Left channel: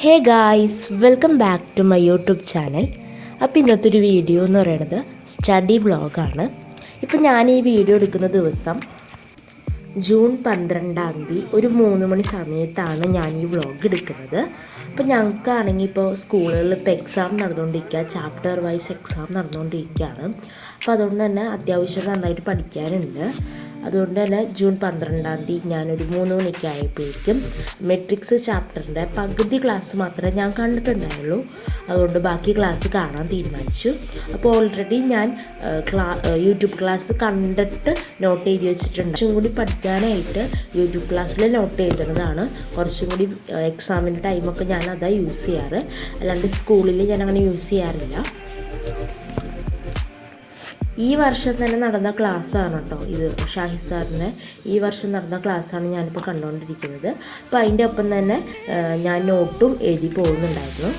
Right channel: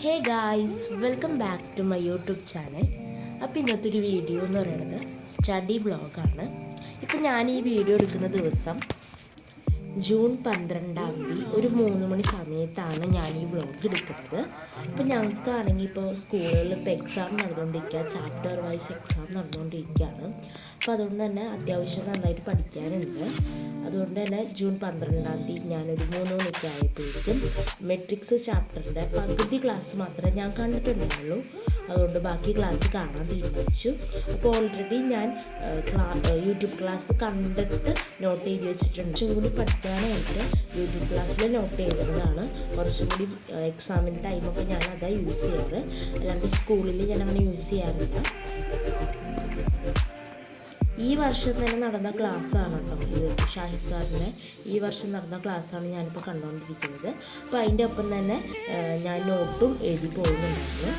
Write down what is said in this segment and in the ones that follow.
Hey guys, welcome back to my YouTube channel. അപ്പോൾ ഇന്നത്തെ ഒരു വീഡിയോ എന്ന് പറയുന്നത് സ്റ്റഡി വ്ളോഗാണ്. ഇപ്പോൾ ഞാൻ ഈ വീഡിയോ എടുക്കുന്ന ദിവസം ജൂൺ 12 ഒരു 3 മണി സമയത്താണ് ഞാൻ ഈ വ്ളോഗ് എടുക്കുന്നത്. അപ്പോൾ ഞങ്ങൾക്കാണെങ്കിൽ ഇപ്പോൾ സ്കൂളുകളിൽ ഇപ്പോൾ എക്സാം നടന്നുകൊണ്ടിരിക്കുക, ചാപ്റ്റർ വൈസ് എക്സാം നടന്നുകൊണ്ടിരിക്കുകയാണ്. അപ്പോൾ അതുകൊണ്ട് തന്നെ അത്യാവശ്യം നന്നായിട്ട് പഠിക്കാനുണ്ട്. അതുകൊണ്ട് തന്നെ ജൂൺ 12 ഞാനൊരു 3 മണിക്ക് ആയപ്പോഴേക്കും മെട്രിക്സ് ചാപ്റ്ററിൻ്റെ പകുതി ക്ലാസ് മാത്രമേ ഞാൻ കണ്ടിട്ടുണ്ടായുള്ളൂ. അതുകൊണ്ട് ബാക്കി ക്ലാസ് കാണാൻ തീരുമാനിച്ചു. അപ്പോൾ ഓൾറെഡി ഞാൻ യൂട്യൂബ് ക്ലാസ് കണ്ടിട്ട് നോട്ട് ചെയ്ത് വെച്ചിട്ടുണ്ട്. കുറച്ചും കൂടി പഠിക്കാനായിട്ട് യൂട്യൂബ് ക്ലാസ്സിൽ നോട്ട് ചെയ്തിരുന്നതാണ്. കുറച്ചും കൂടി എക്സാമിൻ്റെ ടൈമൊക്കെ ഞാൻ അതാ യൂസ് ചെയ്യാറ്, അല്ലാണ്ട് സ്കൂളിൽ ഞാൻ അങ്ങനെ യൂസ് ചെയ്യാറില്ല. ഈ വർഷം തന്നെ നടന്ന ക്ലാസ്സാണ് കേട്ടോ ഇത്, ഷാഹിദ് സാറിൻ്റെ ഈ വർഷം നടന്ന ക്ലാസ്സാണ് ഞാനിപ്പോൾ കണ്ടുകൊണ്ടിരിക്കുന്നത്. അപ്പോൾ അതിൻ്റെ ഒപ്പം തന്നെ ഞാൻ നോട്ടും എഴുതി പോകുന്നുണ്ടായിരുന്നു.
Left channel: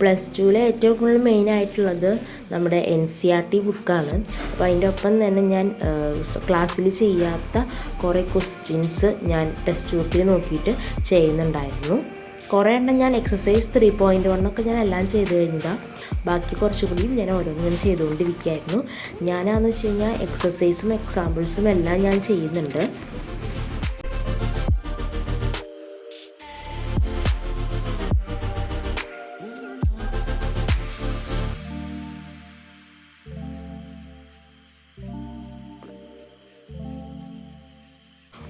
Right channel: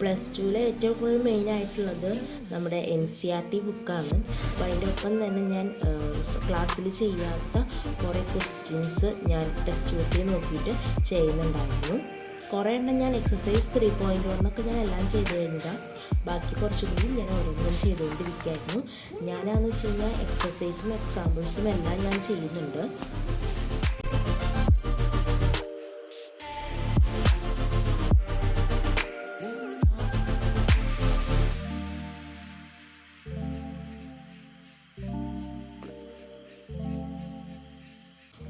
പ്ലസ് ടുവിലെ ഏറ്റവും കൂടുതൽ മെയിനായിട്ടുള്ളത് നമ്മുടെ NCERT ബുക്കാണ്. അപ്പോൾ അതിൻ്റെ ഒപ്പം തന്നെ ഞാൻ ക്ലാസ്സിൽ ചെയ്യാത്ത കുറേ ക്വസ്റ്റ്യൻസ് ഞാൻ ടെക്സ്റ്റ് ബുക്കിൽ നോക്കിയിട്ട് ചെയ്യുന്നുണ്ടായിരുന്നു. കുറേ എണ്ണം ഞാൻ എക്സസൈസ് 3.1 ഞാൻ എല്ലാം ചെയ്ത് കഴിഞ്ഞതാണ്. ബാക്കി കുറച്ചുകൂടി ഞാൻ ഓരോന്നും ചെയ്തുകൊണ്ടിരിക്കുകയായിരുന്നു. ഞാനാണെന്ന് വെച്ച് കഴിഞ്ഞാൽ എക്സസൈസും എക്സാമ്പിൾസും എല്ലാം ഞാൻ ചെയ്യുന്നുണ്ട്.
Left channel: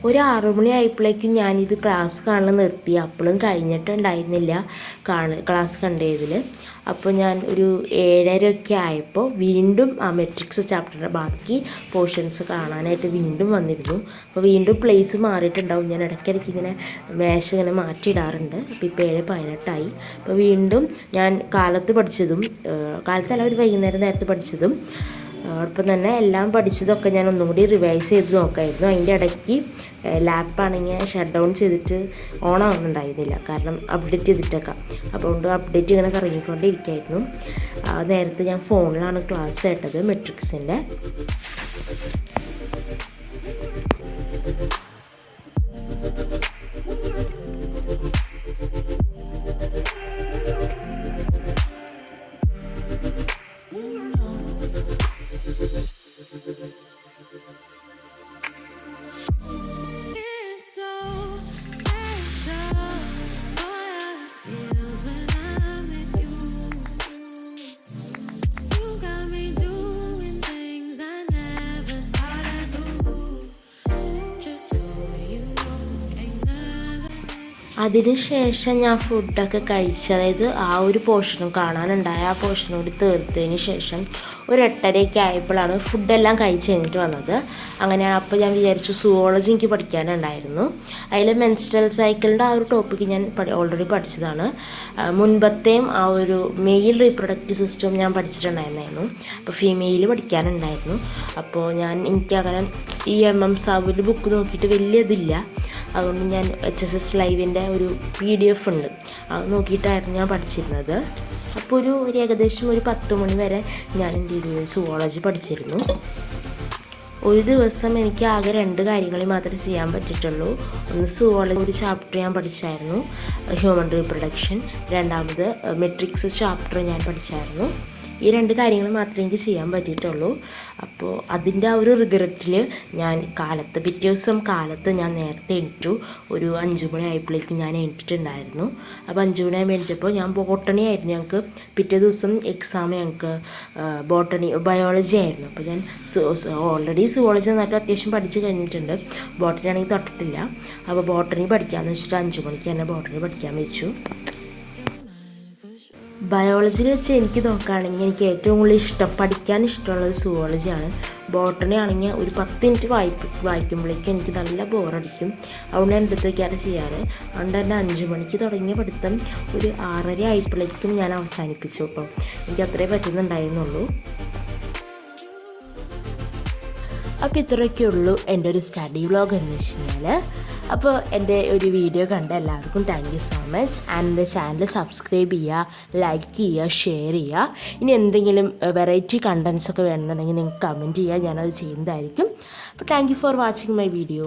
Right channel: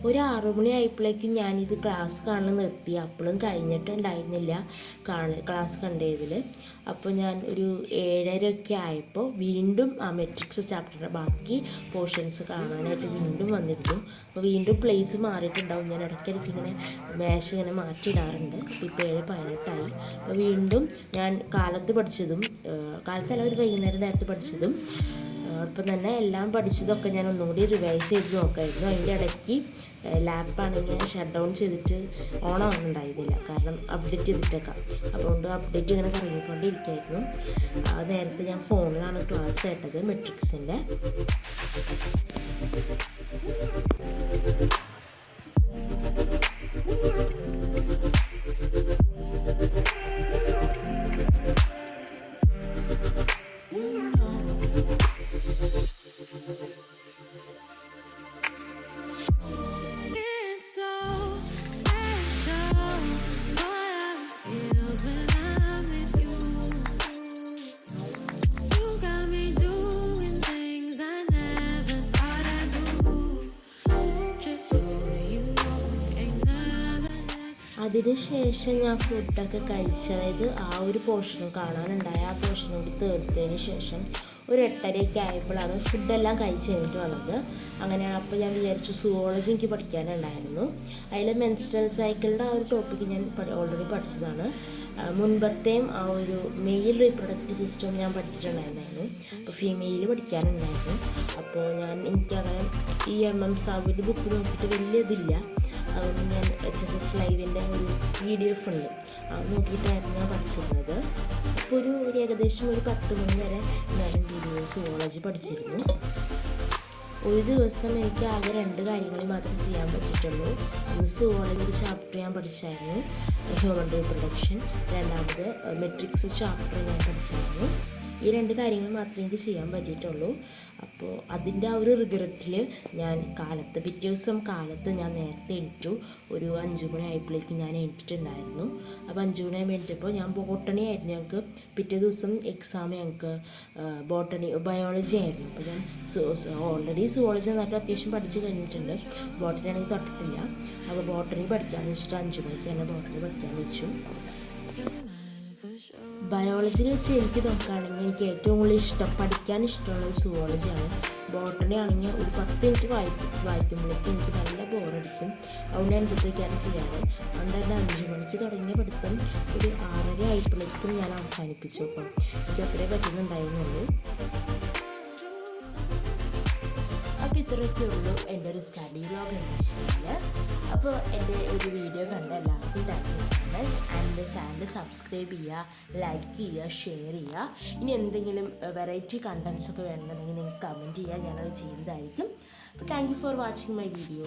ഒരു 6 മണി ആയപ്പോഴേക്കും ഞാനിത് ക്ലാസ് കാണാൻ നിർത്തി. അപ്പോഴും കഴിഞ്ഞിട്ടുണ്ടായിരുന്നില്ല ക്ലാസ് കണ്ടതിൽ. അപ്പോൾ ഞാൻ ഒരു 7:30 ആയപ്പോൾ വീണ്ടും ആ മെട്രിക്സ് ചാപ്റ്ററിൻ്റെ ബാക്കി പോർഷൻസ് കാണാനായിട്ട് വീണ്ടും വന്നിരുന്നു. അപ്പോൾ വീണ്ടും പ്ലേസ് മാറിയിട്ടുണ്ടാവും. ഞാൻ ഇടയ്ക്കിടയ്ക്ക് ഇങ്ങനെ മേശ ഇങ്ങനെ മാറ്റിയിടാറുണ്ട്. അപ്പോൾ ഇപ്പോൾ 7:18 അപ്പോൾ വീണ്ടും ഞാൻ കാലത്തല്ല ഒരു വൈകുന്നേരം നേരത്തെ പഠിച്ചതും ഒപ്പം തന്നെ എല്ലാം പഠിച്ചതൊക്കെ ഞാൻ ഒന്നും കൂടി റിവൈസ് ചെയ്ത് നോക്കായിരുന്നു. അതിൻ്റെ ഇടയ്ക്ക് ലാപ്പാണെങ്കിൽ ഷട്ട് ഡൗൺ ചെയ്തിട്ട് ഓൺ ആവുന്നുണ്ടായിരുന്നില്ല, കാരണം അപ്ഡേറ്റ് ചെയ്തിട്ടേക്കാം. അതുകൊണ്ട് അപ്ഡേറ്റ് ഇങ്ങനെ കറങ്ങിക്കൊണ്ടിരിക്കുകയായിരുന്നു. നേരത്തെ ഞാൻ ഫോണിലാണ് ക്ലാസ് കേട്ടത് മെട്രിക്സിൻ്റെ. അതിനുശേഷം ഞാൻ ഫുഡൊക്കെ കഴിച്ച്, അതായത് ആ ഒരു പോർഷനും കാണാനുണ്ടായ ആ പോർഷനും കൂടി തീർത്തതിന് ശേഷം ഒരു 8:30 ആയപ്പോഴാണ് ഫുഡെല്ലാം കഴിച്ച് കഴിഞ്ഞിട്ട് വന്നത്. അങ്ങനെയാണ്. അപ്പോൾ ഞാൻ വിചാരിച്ചു സുവോളജി എനിക്ക് പഠിക്കാനുണ്ടായിരുന്നു. അതിൽ മെൻസ്ട്രൽ സൈക്കിളിൻ്റെ ആ ഒരു ടോപ്പിക്ക് ഞാൻ ഓൾറെഡി പഠിച്ചതാണ്. മുൻപത്തെയും ആ ഒരു മെയിൽ റീപ്രൊഡക്റ്റീവ് സിസ്റ്റം ഞാൻ പഠിച്ചിട്ടുണ്ടായിരുന്നു. അപ്പോൾ ഫീമെയിൽ പഠിക്കാനുണ്ടായിരുന്നു. അപ്പോൾ എനിക്കങ്ങനെ ഈ MM സാബുവിൻ്റെ ബുക്ക് നോക്കിയിട്ട് വലിയ ഇതില്ല. അതുകൊണ്ട് ഞാൻ HSS ലൈവിൻ്റെ ഒരു PDF ഉണ്ട്, അത് നോക്കിയിട്ടായിരുന്നു ഞാൻ പഠിച്ചിരുന്നത്. അപ്പോൾ ഒരു ഏകദേശം ഒരു 10 മണി വരെ ഞാൻ എന്ത് ചെയ്തു, സുവോളജി പഠിച്ചിരുന്നു. ഒരു ദിവസം എനിക്ക് ആകെ 2 കാര്യങ്ങൾ മാത്രമേ ചെയ്യാൻ പറ്റിയിട്ടുള്ളൂ. ഒന്ന് സുവോളജി ഒരു ചാപ്റ്റർ ഞാൻ പഠിച്ചായിരുന്നു, ഹ്യൂമൻ റീപ്രൊഡക്ഷൻ. രണ്ടാമത് മെട്രിക്സ് ചാപ്റ്റർ ഞാൻ പഠിച്ചായിരുന്നു. ഈ 2 കാര്യങ്ങൾ മാത്രമേ എനിക്ക് ചെയ്യാൻ പറ്റിയിട്ടുള്ളൂ. അപ്പോൾ അതിൻ്റെ ആ ഒരു റിഗ്രറ്റിൽ ഞാൻ പിറ്റേ ദിവസം കാലത്ത് ഞാൻ നേരത്തെ എണീറ്റു. ഒരു 5 മണി ആയപ്പോഴേക്കും ഞാൻ എണീറ്റിട്ടുണ്ടായിരുന്നു. അപ്പോൾ 5 മണി ആകുമ്പോൾ എണീറ്റപ്പോൾ ഞാൻ ബോട്ടണി ആയിരുന്നു. ഞങ്ങൾക്ക് പിറ്റേ ദിവസം എക്സാം ഞങ്ങൾക്ക് ബയോളജി ആയിരുന്നു. അപ്പോൾ ഞാൻ ഓൾറെഡി സുവോളജി നന്നായിട്ട് അത്യാവശ്യം പഠിച്ച് കഴിഞ്ഞിട്ടുണ്ട്. ബോട്ടണി ആണെങ്കിൽ തൊട്ടിട്ടില്ല. അപ്പോൾ ബോട്ടണി പഠിക്കാമെന്ന് വെച്ചിട്ട് 5 മണിക്ക് തന്നെ ബോട്ടണി പഠിക്കാൻ വെച്ചു. ബയോളജിയിൽ വെച്ച് എനിക്ക് നോക്കുകയാണെങ്കിൽ എനിക്ക് ഏറ്റവും കൂടുതൽ പഠിക്കാൻ ഇഷ്ടമുള്ളത് സുവോളജിയാണ്. ബോട്ടണി ആണെങ്കിൽ ഒരു 10 മിനിറ്റ് വായിക്കുമ്പോഴേക്കും എനിക്ക് നല്ല ബോറടിക്കും. അതുകൊണ്ട് ഞാൻ എന്തൊക്കെയാണ് ചെയ്യാറ്. അതുകൊണ്ട് തന്നെ 5 മണിക്ക് തുടങ്ങിയ പഠിത്തം ഒരു 6:30 ആയപ്പോഴേക്കും ഞാൻ അവസാനിപ്പിച്ചു. അപ്പോൾ എനിക്ക് അത്രേ പറ്റുന്നുണ്ടായിരുന്നുള്ളൂ. അപ്പോൾ ഇത്രയൊക്കെ ഉള്ളൂ എൻ്റെ ഒരു സ്റ്റഡി വ്ളോഗ് എന്ന് വെച്ച് കഴിഞ്ഞാൽ. അപ്പോൾ എൻ്റെ ഒരു വീഡിയോ കണ്ട എല്ലാവർക്കും thank you so much. And എൻ്റെ ചാനൽ സബ്സ്ക്രൈബ് ചെയ്യുക, ലൈക്ക് ചെയ്യുക, ഷെയർ ചെയ്യുക. ഇനി എന്തെങ്കിലും വെറൈറ്റി കണ്ടൻസ് ഒക്കെ വേണമെന്നുണ്ടെങ്കിൽ നിങ്ങൾക്ക് കമൻറ്റ് ചെയ്യുക, ഞാനത് ചെയ്യുന്നതായിരിക്കും. അപ്പോൾ thank you for watching my video.